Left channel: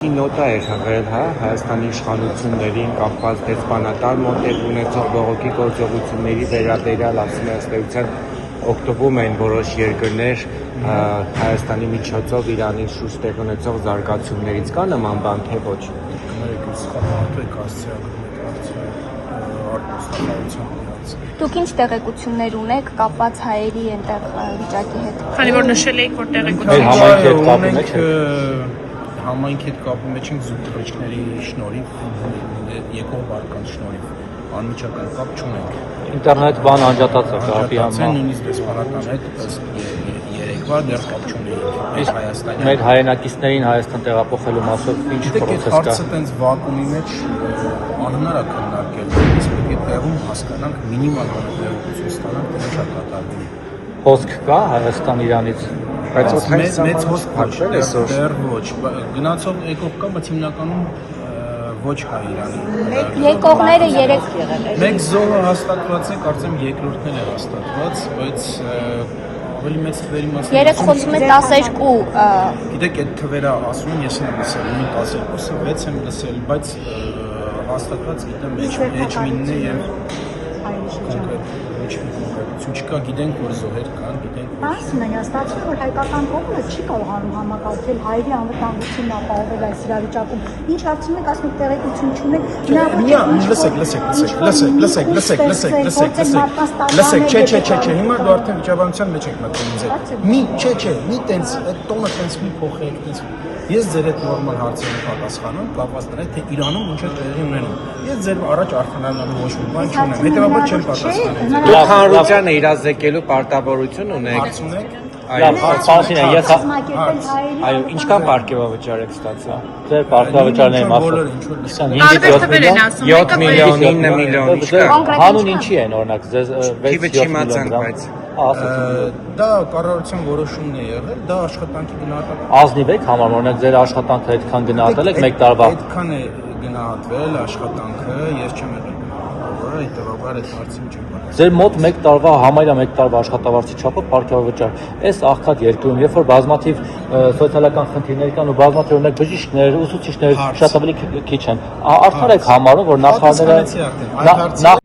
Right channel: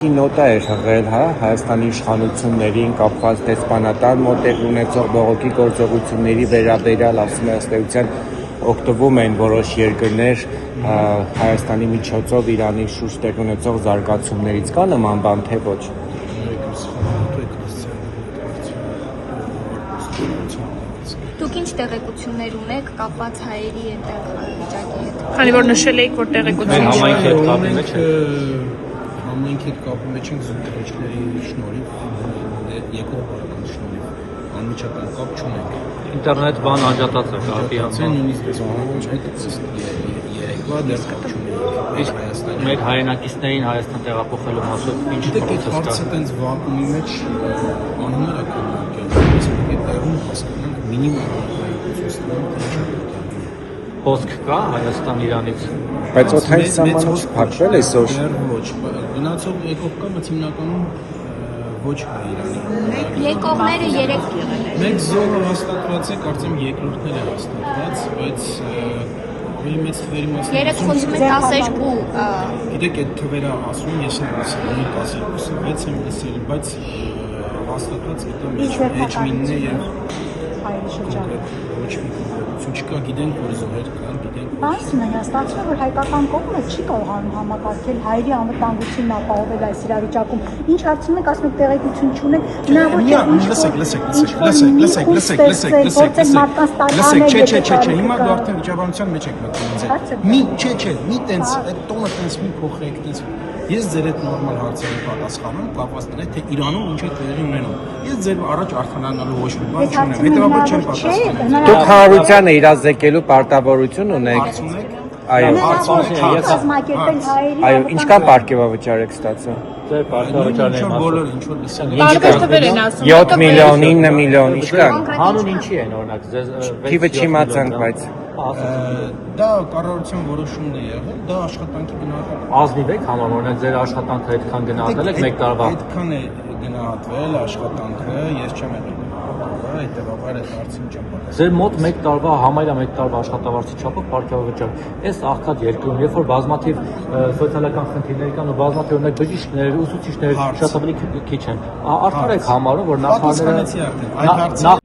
Նոտա է եղել Հայաստանի իշխանություններին կապված դեսպանատան մոտեղ ունեցող բողոքի գործողությունների վերաբերյալ ասում ըստեյության օգտվում են որոշ երկրներ Հայաստանի միջոցով Իրանի շուրջ տեղ ունեցող զարգացումներից կա նման բան թե ոչ։ Դուք ինչ տեղեկություններ ունեք կապված հայերի ենթավիճակի հետ։ Քանի որ նշել էիք, որ տեղեկություններ ունենք համայնքի հետ կապի մեջ ենք զուգահեռների շնորհիվ, երկրորդ բարեկամ շնորհիվ անմիջական կապ չունենք։ Ինտերնետ բան անջատած է կապի Անցան նույնիսկ դեսպանատան հետ երեկվա դեռ կապ չունենք։ Այս Հայաստանի Մեր հայրենակիցներին Հայաստան տեղափոխելու մասով ինչ այդ հարցը տենց վակուումի մեջ անհնար է քննարկել։ Այդ տեղում հասկանանք մինիմալ տեղեկություն ստանանք ինչա կատարվում։ խոսք կա Հայաստան Իրանից։ Բայց մեծ հոսք փակվել է սեր։ դեռ ոչ։ Գնացող եկող կա, բայց հիմնականում ոչ հայ Իրանի։ Եկողները երեք Մեկ զոհը հաստատված է, կարծեմ երկրորդն է հաստատված, բայց ավելի մեծ թվերի մասին։ երեք խոսում է 12 Գիտեք, այդ թվերը ասում եմ, ես եմ լսել, ունի 12-ը, 6 եմ լսել, բայց հաստատված գիտեմ էջմինն է եւ կոնկրետ ոչ մի կոնկրետություն չկա, գիտենք որ զոհեր կան, գիտենք որ Ասում են, ստացվում որ հայկական կողմը չի կարողանում համակարգել հայերի անվտանգությունը կարողել այս իրավիճակում։ Ինչ հարցում եք, ասում եք տեղեկություն չունեք։ Լսեք, չէ, հիմա դու արդեն վիճաբանության մեջ եք մտնում ինձ։ Մի տենց այդ տոնը տենց մի փոխեք տենց։ Ես ձեր այդ նորմալ հարցերին պատասխանում, կապված նրան թե Իրանում ինչ է տեղի ունենում։ Ես ձեր առաջ արտանանալու ոչ մի բան չունեմ։ Հետևաբար չեմ պատասխանում։ Դուք հանրությանը իրազեկելու պարտավորություն ունեք։ Հարց ունեք։ Այո, ինչքան պարգևավճար եք ստացել։ Ձեր պարտավորությունների Բոլորը ինչ որ լսել են։ տարբեր թվեր են ասում, 7 միլիոն, 9 միլիոն, ինչ կա։ հանուն ինչի են օրինակ ձեզ Թիվը չիմացանք, բայց Դա կառավարության որոշումն է եղել, դա աշխատանքի գնահատական։ ազնիվ եք համար օրինակ ձեր աշխատանքը այդքան գնահատել եք մեկ տարվա։ Այդքան է գնահատվել աշխատանքը, ես չեմ եղել հետևաբար այդ հարցին չեմ պատասխանել։ Ձեր մոտ մեկ տարվա համարյա մեկ տարվա աշխատավարձի չափով պարգևավճար։ Այս աղքատ երկրում, երբ որ բազմաթիվ սոցիալական խնդիրներ կան ու բազմաթիվ օրինակ բժիշկներ, ուսուցիչներ շատ ավելի քիչ են, արդյոք եք համարում, որ նախարարները